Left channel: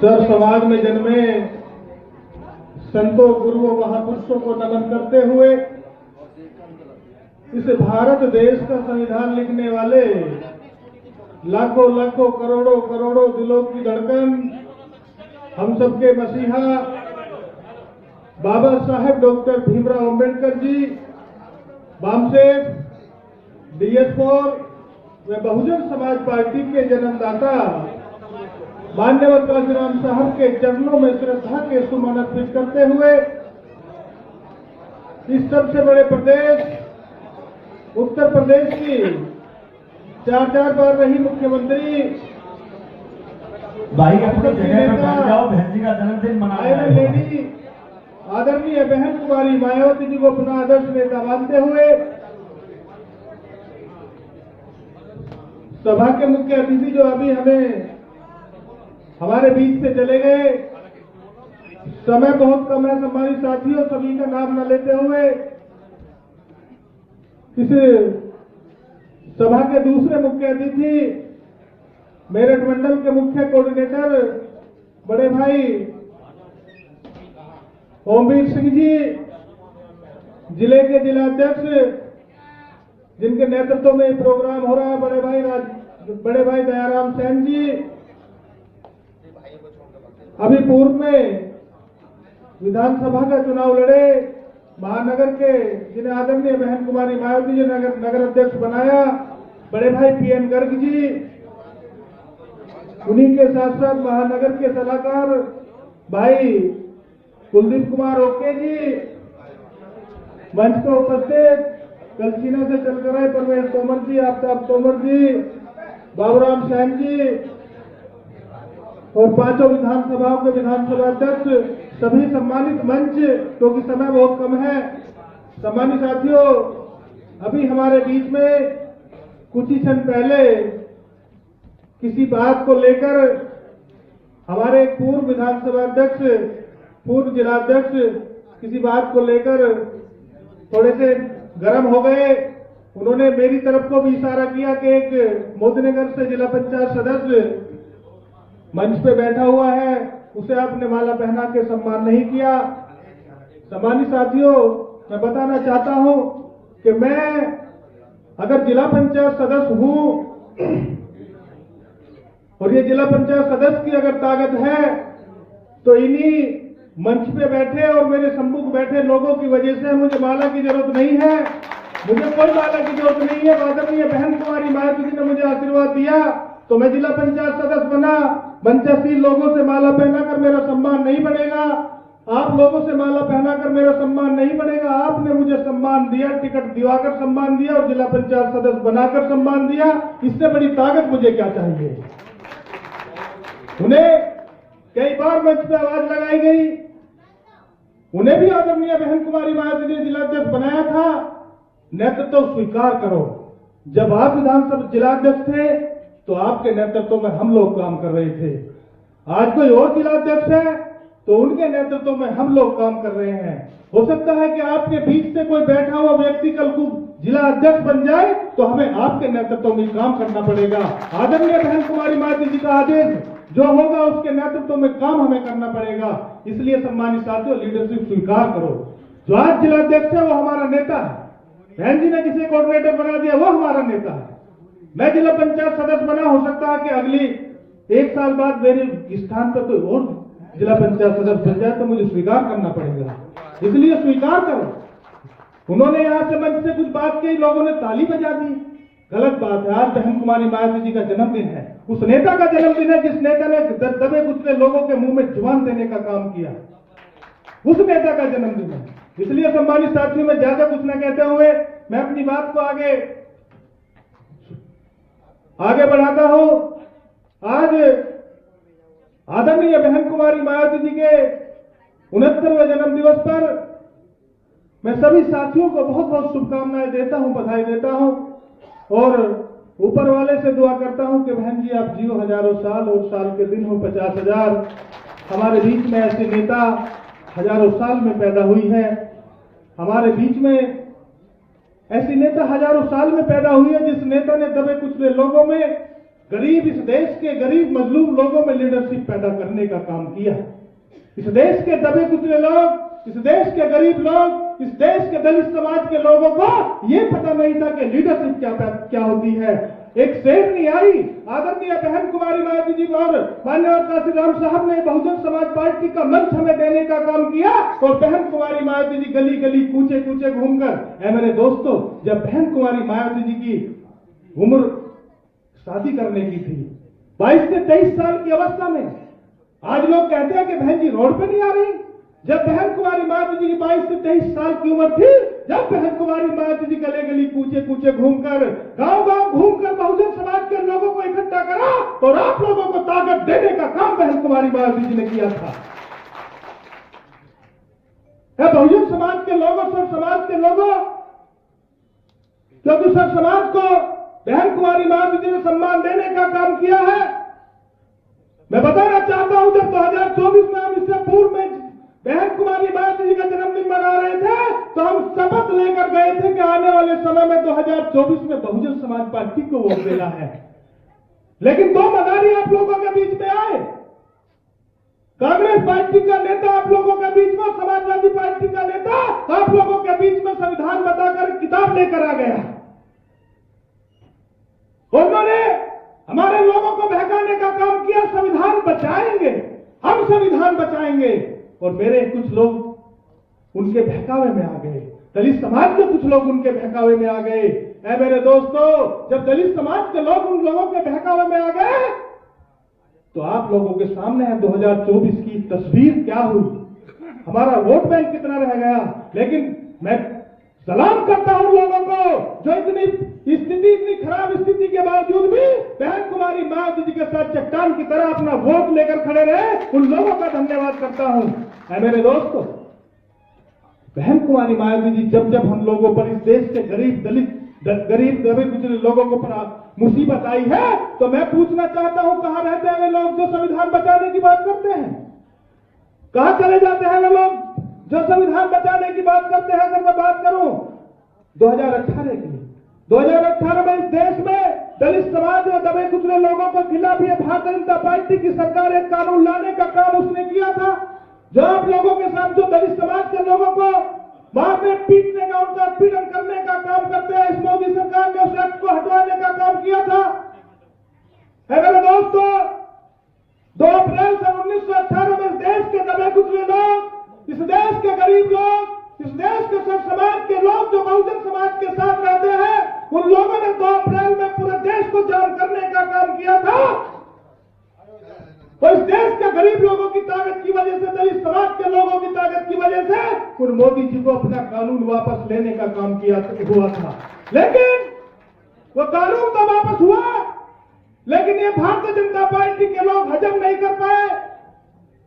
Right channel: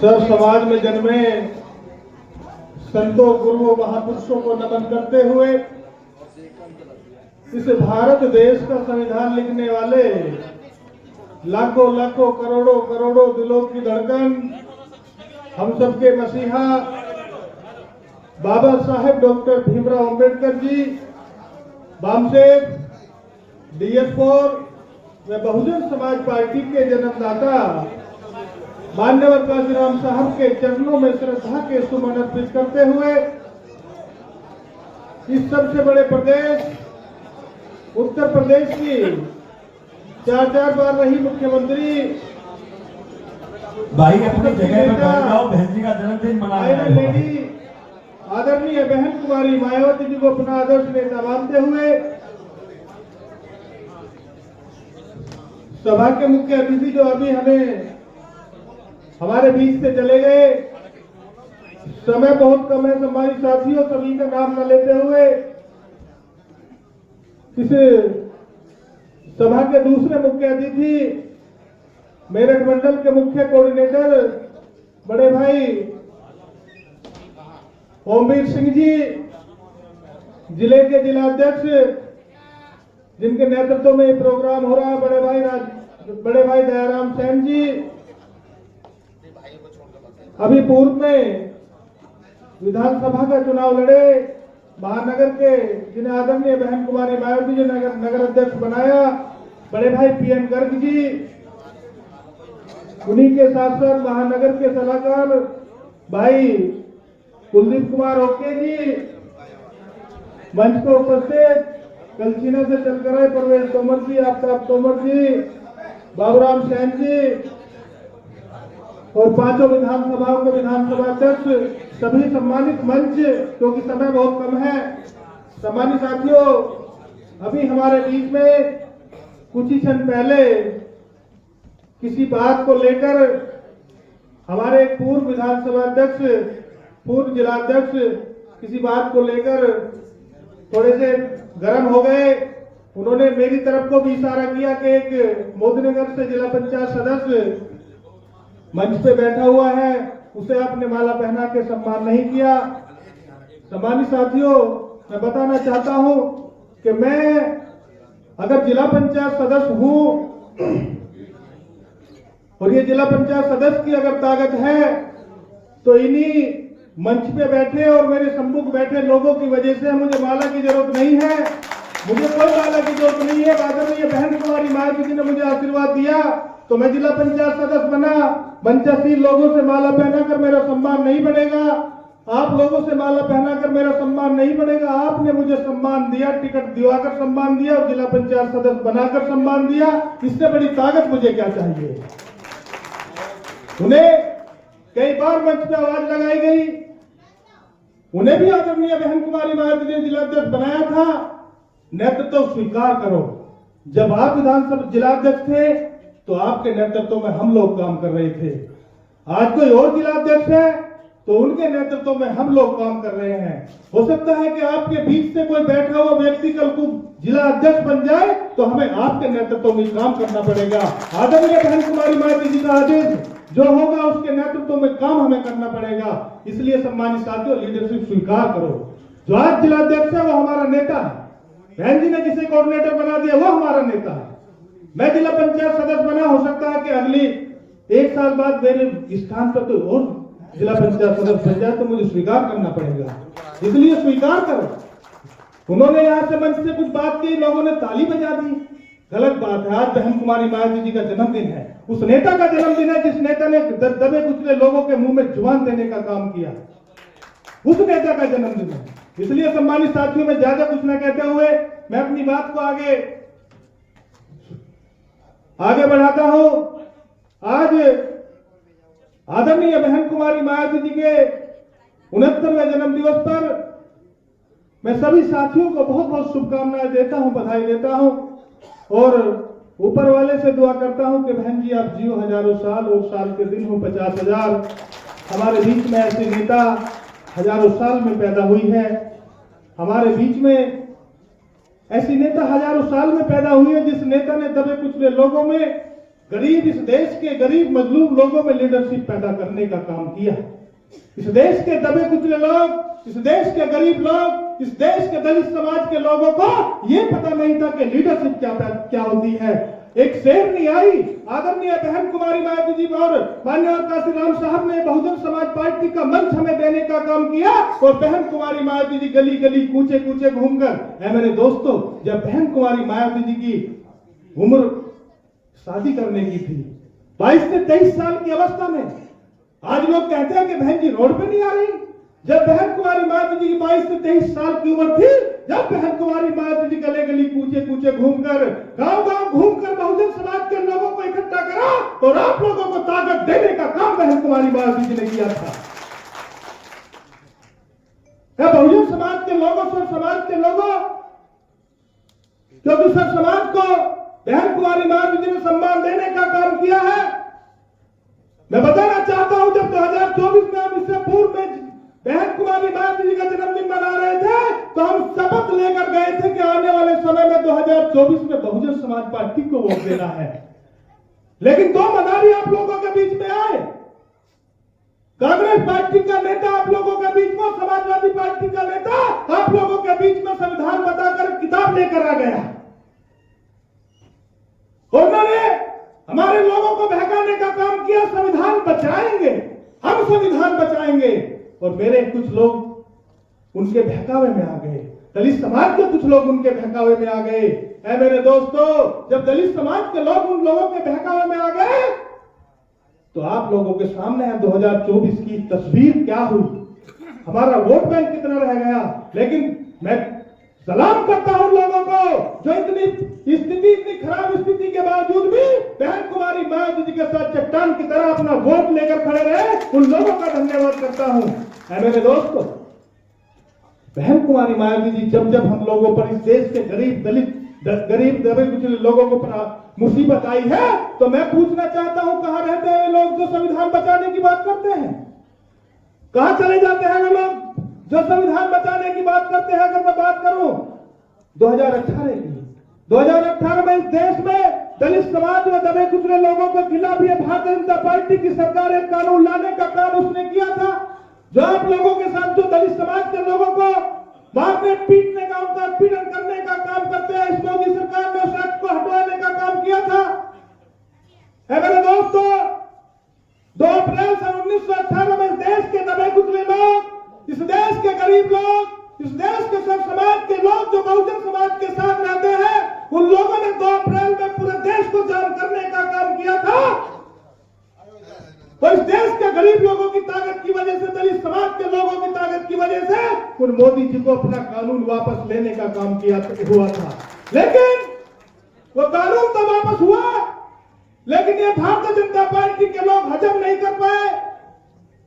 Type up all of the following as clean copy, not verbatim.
सब समाज में जन्मे संतों, गुरुओं, महापुरुषों को नमन करते हुए इस भारत देश का संविधान लिखने वाले लाखों लाखों करोड़ों करोड़ों दिलों की धड़कन, हम सबके मसीहा बाबा साहेब डॉक्टर भीमराव अंबेडकर जी, बामसेव, DS4 व बहुजन समाज पार्टी के जन्मदाता मान्यवर काशीराम साहब के चरणों में श्रद्धा के सुमन अर्पित करते हुए इस सबसे बड़े प्रदेश उत्तर प्रदेश की 4 बार रही मुख्यमंत्री भाई अपनी जगह पर बैठ जाओ, बहन जी का जन्मदिन मना रहे हैं। आदरणीय बहन कुमारी मायावती जी को अपना आदर्श नेता मानते हुए सभा के मुख्य अतिथि जो अभी हमारे बीच से चले गए, समय बहुत कम है, हमारी साथियों सभी का नाम न लेते हुए इस सभा के दूसरे मुख्य अतिथि मेरठ मंडल के मुख्य कोऑर्डिनेटर बड़े भाई ओमवीर सिंह जी, जिले के जिलाध्यक्ष जिनके नेतृत्व में ये प्रोग्राम हो रहा है, बड़े भाई दयाराम सेन जी, अभी पूर्व में विधानसभा का चुनाव लड़े महानगर के, जिन्हें आदरणीय बहन कुमारी मायावती जी ने नगर अध्यक्ष बनाया, बड़े भाई PN गर्ग जी, उन्हीं के साथ साथ महानगर के सलाहकार भाई कुलदीप कुमार ओके जी, मंच को उपस्थित कलसीना से चलकर आए परवेश तोमर जी, आफ्ताब तोमर जी, बाबूराम सैन जी और 5 विधानसभाओं के विधानसभा अध्यक्ष, सभी सम्मानित मंच, क्योंकि समय बहुत कम है। सम्मानित साथियों, अभी हमारे बीच में कुछ ही क्षण पहले किसी बात को लेकर हमारे पूर्व विधानसभा अध्यक्ष, पूर्व जिलाध्यक्ष किसी बात को लेकर थोड़े से गर्म हो गए। उन्होंने मेरी तरफ को भी इशारा किया कि एक मोदीनगर से जिला पंचायत सदस्य मंच पे बैठा हुआ है, उसे आपने माला पहना के सम्मान नहीं किया। सम्मानित साथियों, मैं बताना चाहता हूं कि मैं अगर जिला पंचायत सदस्य हूं और ये जिला पंचायत सदस्य की अगर ताकत है तो इन्हीं मंच पे बैठे और मेरे सम्मुख बैठे लोगों की वजह से मुझे माला की जरूरत नहीं है, मुझे कोई माला की जरूरत नहीं है। आदरणीय बहन कुमारी मायावती जी ने मुझे आशीर्वाद दिया तो मैं जिला पंचायत सदस्य बना। मंचासीन लोगों से माला पहनाकर मेरा सम्मान नहीं बनेगा, आप लोगों से माला पहनाकर मेरा सम्मान नहीं बनेगा। आपने मुझे सम्मान दिया, टिकट दिवाकर सम्मान दिया और जिला पंचायत सदस्य बनाकर सम्मान दिया, इससे बड़ी ताकत मुझे क्या चाहिए। उन्हें कई बार मंच पे आवाज लगाई गई, उन्हें भी आदरणीय बहन कुमारी मायावती ने जिलाध्यक्ष बनाया था। नेतृत्व स्वीकार करो। जब आप विधानसभा जिलाध्यक्ष थे तो आपके नेतृत्व में हम लोग काम कर रहे थे, आज कोई और जिलाध्यक्ष है तो उनके नेतृत्व में हम लोग काम कर रहे हैं। हो सकता है कि आपके बीच से कोई बैठा हुआ व्यक्ति कल को जिला अध्यक्ष बन जाए तो हमें आपके नेतृत्व में काम करना पड़ेगा। आदरणीय बहन कुमारी मायावती जी का आदेश जो होगा उसके नेतृत्व में काम हमें करना पड़ेगा। इसलिए सम्मानित साथियों, लीडरशिप स्वीकार करो। जो आज जिलाध्यक्ष है वो हमारा नेता है, बहन जी ने जिसे कोऑर्डिनेटर बना दिया वो हमारा नेता है। मैं जिला पंचायत सदस्य बना, हो सकता है कि अगली 1 साल बाद मेरे स्थान पर कोई और जिला पंचायत सदस्य बन जाए तो मुझे स्वीकार करना पड़ेगा, इसलिए स्वीकार करो। उन्होंने यहाँ से मंच से कुछ बात की, लोगों ने ताली बजा दी, गलत बात है। आज बहन कुमारी मायावती जी का जन्मदिन है, उस नेता का जन्मदिन है जिस नेता ने दबे कुचले लोगों के मुंह में जुबान देने का काम किया, उस नेता का जन्मदिन है। इसलिए सम्मानित साथियों, में ज्यादा कुछ न कहते हुए मैं अपनी बात को आगे बढ़ाता हूं। आज आदरणीय बहन कुमारी मायावती जी के 69वें जन्म दिवस पर मैं सभी साथियों को बहुत बहुत शुभकामनाएं देता हूं, बधाई देता हूं और ऊपर वाले से दुआ करता हूं कि बहन जी आप जियो हजारों साल और साल के दिन हो 50,000। हमारे बीच में ऐसे नेता हजारों साल में पैदा हुई है, हमारे बीच में ऐसी नेता हजारों साल में पैदा हुई है जिस नेता ने दबे कुचले लोगों में गरीब इस देश के गरीब मजलूम लोगों में लीडरशिप पैदा करने का काम किया। इस देश के दबे कुचले लोग, इस देश के गरीब लोग, इस देश के दलित समाज के लोगों को ये पता नहीं था कि लीडरशिप क्या होती है। एक शेरनी आई, आदरणीय बहन कुमारी मायावती जी और माननीय काशीराम साहब ने बहुजन समाज पार्टी का मंच हमें देने का काम किया और बहन कुमारी मायावती जी गली गली कूचे कूचे घूमकर, मेरे दोस्तों, जब बहन कुमारी मायावती जी की उम्र शादी करने की थी 22 से 23 साल की अवस्था में, आज लोग कहते हैं कि बहन जी रोड पे नहीं आ रही। जब बहन कुमारी मायावती जी की 22 से 23 साल की उम्र थी, जब बहन कुमारी मायावती जी गले गली कूचे कूचे घूमकर, गांव गांव घूमकर बहुजन समाज के लोगों को इकट्ठा करा और आप लोगों को ताकत देने का काम बहन कुमारी मायावती जी ने किया था। बहुजन समाज के लोगों, सर समाज के लोगों, क्योंकि सर समाज को बहन कुमारी मायावती जी ने सम्मान देने का काम किया है। मैं बताना चाहता हूं, जब 2024 में हम इससे पूर्व में बहन कुमारी मायावती जी का जन्मदिन मना रहे थे, तो हम शपथ लेकर गए थे कि आने वाले समय में 2024 में बहुजन समाज पार्टी को वोट देना है। लेकिन दो मदारी आप लोगों के बीच में आए। कांग्रेस पार्टी का नेता आप लोगों के बीच में, समाजवादी पार्टी का नेता आप लोगों के बीच में संविधान बताकर किताब लेकर आ गया। उन्होंने हमारे लोगों को बहकाने का काम किया। संविधान बचाएंगे, हम संविधान बचाएंगे, और मेरे कुछ लोग उनके बहकावे में आ गए। दलित समाज के कुछ लोग उनके बहकावे में आ गए। मेरे दोस्तों, जब दलित समाज के लोग उन लोगों के बहकावे में आ गए, तो आप लोगों के सामने है 2024 की तस्वीर क्या हुई, हमारा वोट बैंक कितना रह गया। लेकिन मैं सलाम करता हूं लोगों को जो इतनी खराब स्थिति के बावजूद भी बहन कुमारी मायावती जी के साथ चट्टान की तरह अपना वोट लेकर खड़े रहे। उन लोगों का धन्यवाद करता हूं। मेरे दोस्तों, बहन कुमारी मायावती जी जब जब हम लोगों पर, इस देश के गरीब दलित गरीब दबे कुचले लोगों को मुसीबत आई है, तो मैं पूछना चाहता हूं, कहां रहते हैं वे लोग जो संविधान बचाने की बात करते हैं? कहां चले जाते हैं वे लोग जो संविधान बचाने की बात करते हैं? अगर मैं बात करूं 2018 की, 2018 में इस देश में दलित समाज में दबे कुचले लोगों को जिला भी भारतीय जनता पार्टी की सरकार एक कानून लाने का काम उसने किया था, जो आप लोगों के साथ जो दलित समाज के लोगों को मारने पीटने का, उनका पीड़न करने का काम करते हैं, इस मोदी सरकार ने उस एक्ट को हटवाने का काम किया था। मेरे दोस्तों, 2 अप्रैल सन 1918 में देश के दबे कुचले लोग, इस देश के गरीब लोग, इस देश के सब समाज के लोग जो बहुजन समाज के साथ रहते हैं, उन लोगों ने 2 अप्रैल में पूरे देश को जाम करने का काम किया था। तो इस देश के गरीब लोगों की ताकत की वजह से, दलित समाज के लोगों की ताकत की वजह से उन मोदी जी को अपना कानून वापस लेने का काम हुआ था। लेकिन वो कानून तो वापस हुआ, लेकिन ये भारतीय जनता पार्टी के लोग हजम नहीं कर पाए,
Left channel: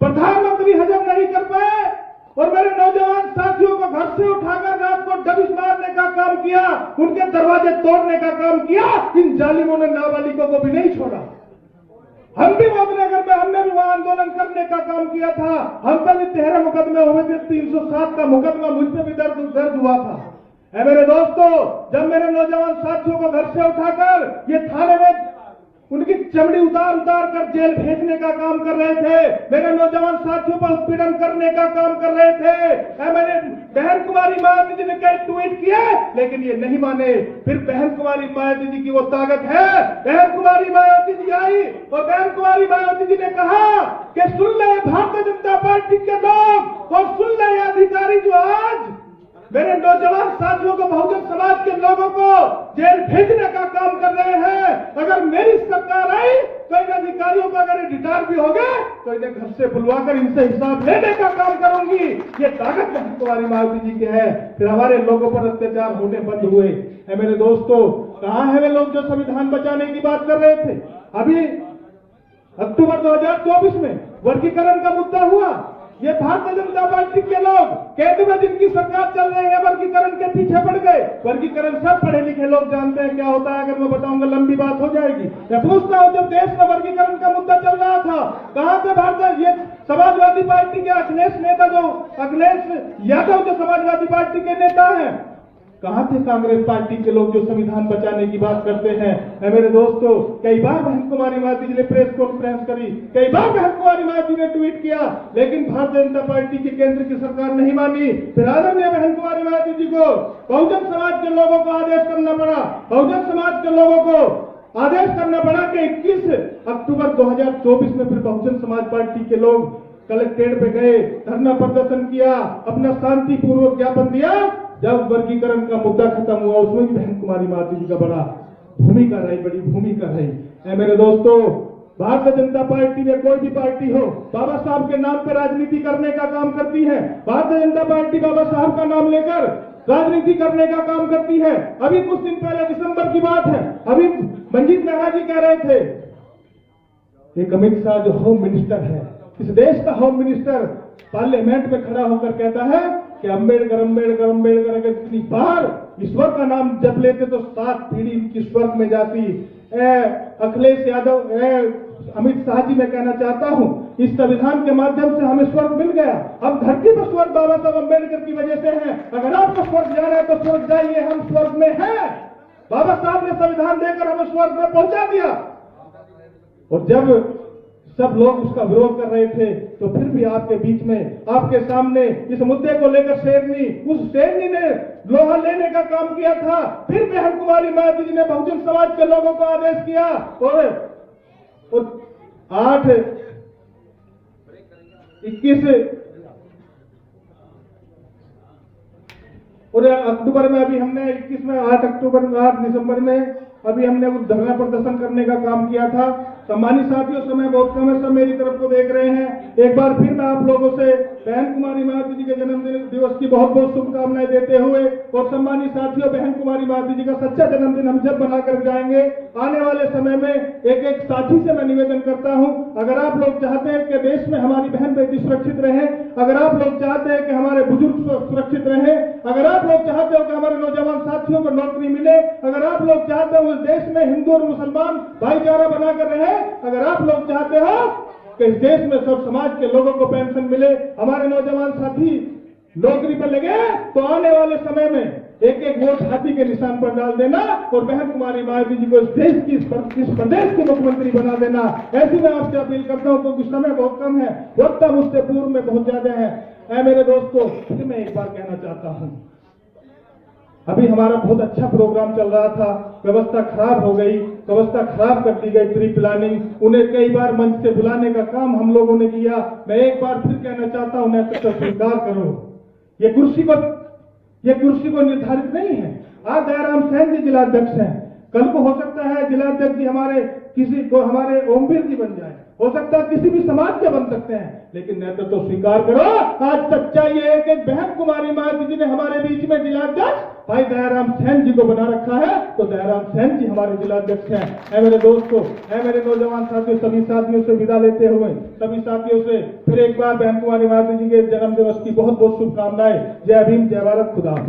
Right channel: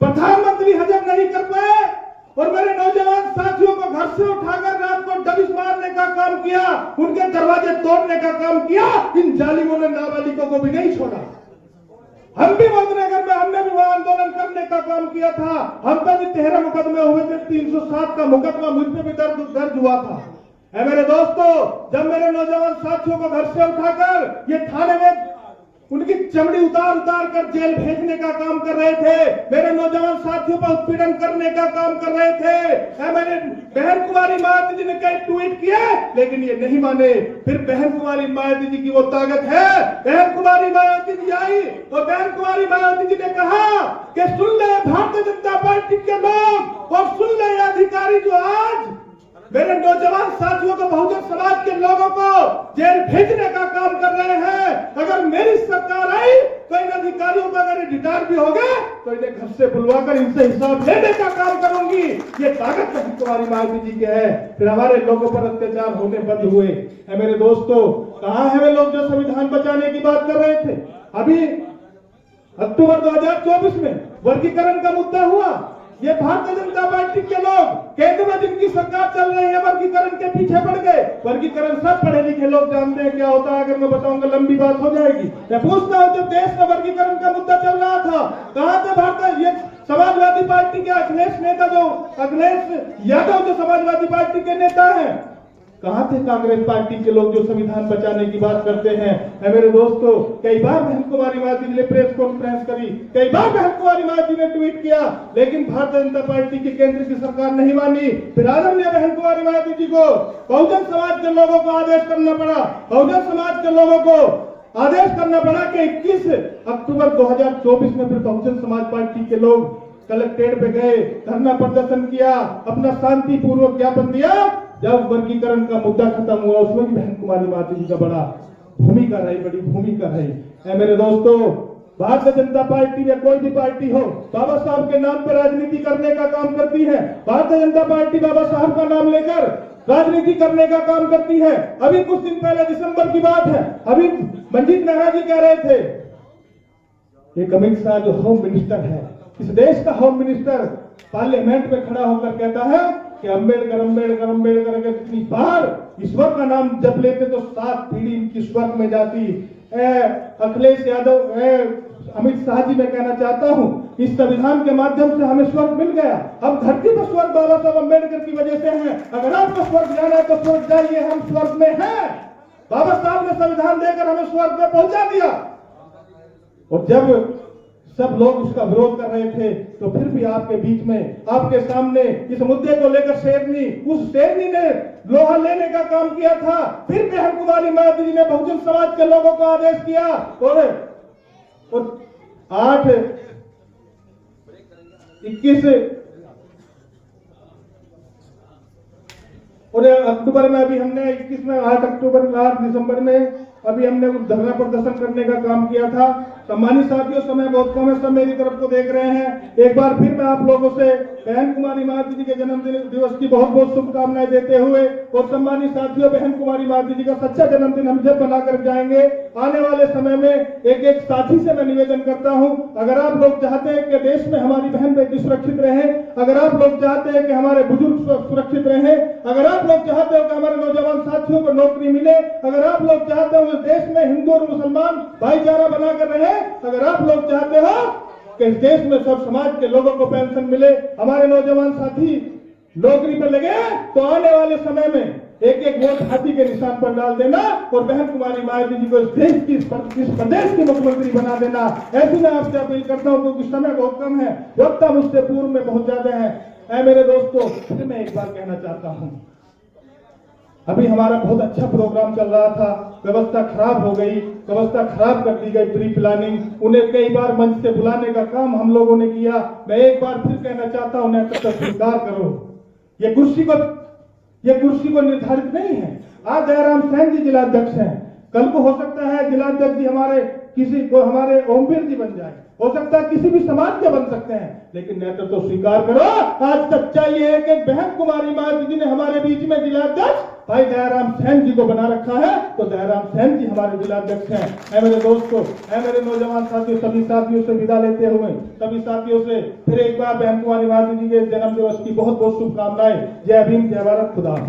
प्रधानमंत्री हजम नहीं कर पाए, और मेरे नौजवान साथियों को घर से उठाकर रात को दबिश मारने का काम किया, उनके दरवाजे तोड़ने का काम किया। इन जालिमों ने नाबालिगों को भी नहीं छोड़ा। हम भी मधुनगर में, हमने भी वहां आंदोलन करने का काम किया था। हम पर भी 13 मुकदमे हुए थे, 307 का मुकदमा मुझ पे भी दर्ज हुआ था। मेरे दोस्तों, जब मेरे नौजवान साथियों को घर से उठाकर ये थाने में उनकी चमड़ी उतार कर जेल भेजने का काम कर रहे थे, मेरे नौजवान साथियों पर उत्पीड़न करने का काम कर रहे थे। मैंने बहन कुमारी मायावती जी ने कई ट्वीट किए, लेकिन ये नहीं माने। फिर बहन कुमारी मायावती जी की वो ताकत है, बहन कुमारी मायावती जी आई और बहन कुमारी मायावती जी ने कहा कि सुन ले भारतीय जनता पार्टी के लोग, और सुन ले अधिकारी जो आज मेरे नौजवान साथियों को, बहुजन समाज के लोगों को जेल भेजने का काम कर रहे हैं। अगर मेरी सरकार आई तो इन अधिकारियों का अगर रिटायर भी हो गए तो इन्हें घर से बुलवाकर इनसे हिसाब लेने का काम करूंगी। ये ताकत बहन कुमारी मायावती जी के है। फिर हमारे लोगों पर अत्याचार होने बंद हुए। मेरे दोस्तों, कहां है वे लोग जो संविधान बचाने की बात कर रहे थे? अभी अक्टूबर 2024 में वर्गीकरण का मुद्दा हुआ। ये भारतीय जनता पार्टी के लोग केंद्र में जिनकी सरकार चल रही है, वर्गीकरण के पीछे पड़ गए। वर्गीकरण सब पढ़े लिखे लोग जानते हैं क्या होता है। अगर मैं बताऊंगा लंबी बात हो जाएगी। मैं पूछता हूं, जब देश में वर्गीकरण का मुद्दा चल रहा था, कहां थे भारतीय ये समाजवादी पार्टी के अखिलेश नेता, जो अखिलेश यादव जो समाजवादी पार्टी के नेता हैं, कहाँ थे कांग्रेस पार्टी के लोग जो संविधान बचाने की बात करते हैं? मेरे दोस्तों, कई बार बहन कुमारी मायावती जी ने प्रेस कॉन्फ्रेंस करी, कई बार बहन कुमारी मायावती जी ने ट्वीट किया, लेकिन भारतीय जनता पार्टी की केंद्र की सरकार नहीं मानी। फिर आदरणीय बहन कुमारी मायावती जी को बहुजन समाज के लोगों को आदेश करना पड़ा, बहुजन समाज के लोगों को आदेश करना पड़ा कि 21 अक्टूबर 2024 में फिर बहुजन समाज पार्टी के लोग कलेक्ट्रेट पे गए, धरना प्रदर्शन किया, अपना शांतिपूर्वक ज्ञापन दिया। जब वर्गीकरण का मुद्दा खत्म हुआ, उसमें भी बहन कुमारी मायावती जी का बड़ी भूमिका रही। मेरे दोस्तों, भारतीय जनता पार्टी में कोई भी पार्टी हो, बाबा साहब के नाम पर राजनीति करने का काम करती है। भारतीय जनता पार्टी बाबा साहब का नाम लेकर राजनीति करने का काम करती है। अभी कुछ दिन पहले दिसंबर की बात है, अभी मंजीत मेहरा जी कह रहे थे, एक अमित शाह जो होम मिनिस्टर है, इस देश का होम मिनिस्टर, पार्लियामेंट में खड़ा होकर कहता है कि अम्बेडकर अम्बेडकर अम्बेडकर अगर कितनी बार ईश्वर का नाम जप लेते तो 7 पीढ़ी इनकी स्वर्ग में जाती। अखिलेश यादव, अमित शाह जी, मैं कहना चाहता हूं, इस संविधान के माध्यम से हमें स्वर्ग मिल गया। अब धरती पर स्वर्ग बाबा साहब अम्बेडकर की वजह से है। अगर आपको स्वर्ग जाना है तो स्वर्ग जाइए, हम स्वर्ग में हैं। बाबा साहब ने संविधान देकर हमें स्वर्ग में पहुंचा दिया। और जब सब लोग उसका विरोध कर रहे थे, तो फिर भी आपके बीच में, आपके सामने इस मुद्दे को लेकर उस शेरनी ने लोहा लेने का काम किया था। फिर बहन कुमारी मायावती जी ने बहुजन समाज के लोगों को आदेश किया और 8 अक्टूबर में, अभी हमने 21 में, 8 अक्टूबर में, 8 दिसंबर में अभी हमने धरना प्रदर्शन करने का काम किया था। सम्मानित साथियों, समय बहुत कम है, सब मेरी तरफ को देख रहे हैं। एक बार फिर मैं आप लोगों से बहन कुमारी मायावती जी के जन्मदिन दिवस की बहुत बहुत शुभकामनाएं देते हुए, और सम्मानित साथियों, बहन कुमारी मायावती जी का सच्चा जन्मदिन हम जब बनाकर जाएंगे, आने वाले समय में एक एक साथी से मैं निवेदन करता हूं, अगर आप लोग चाहते हैं कि देश में हमारी बहन बेटी सुरक्षित रहे, अगर आप लोग चाहते हैं कि हमारे बुजुर्ग सुरक्षित रहे, अगर आप लोग चाहते हो कि हमारे नौजवान साथियों को नौकरी मिले, अगर आप लोग चाहते हो देश में हिंदू और मुसलमान भाईचारा बनाकर रहे, अगर आप लोग चाहते हो कि इस देश में सब समाज के लोगों को पेंशन मिले, हमारे नौजवान साथी नौकरी पर लगे, तो आने वाले समय में एक एक वोट हाथी के निशान पर डाल देना और बहन कुमारी मायावती जी को इस देश की, इस प्रदेश के मुख्यमंत्री बना देना। ऐसी मैं आपसे अपील करता हूं, क्योंकि समय बहुत कम है, वक्त मुझसे पूर्व में बहुत ज्यादा है। मेरे दोस्तों, फिर मैं एक बार कहना चाहता हूं, अभी हमारा बहुत अच्छा प्रोग्राम चल रहा था, व्यवस्था खराब हो गई, व्यवस्था खराब कर दी गई, प्री प्लानिंग, उन्हें कई बार मंच से बुलाने का काम हम लोगों ने किया। मैं एक बार फिर कहना चाहता हूं, नेतृत्व स्वीकार करो। ये कुर्सी को निर्धारित नहीं है। आज जयराम सैन जी जिलाध्यक्ष हैं, कल को हो सकता है जिलाध्यक्ष जी हमारे ओमवीर जी बन जाए, हो सकता है किसी भी समाज के बन सकते हैं, लेकिन नेतृत्व स्वीकार करो। आज सच्चाई ये है कि बहन कुमारी मायावती जी ने हमारे बीच में जिलाध्यक्ष भाई दयाराम सैन जी को बना रखा है, तो दयाराम सैन जी हमारे जिलाध्यक्ष हैं। मेरे दोस्तों, मेरे नौजवान साथियों, सभी साथियों से विदा लेते हुए, सभी साथियों से फिर एक बार बहन कुमारी मायावती जी के जन्म दिवस की बहुत बहुत शुभकामनाएं। जय भीम, जय भारत, खुदा हाफिज।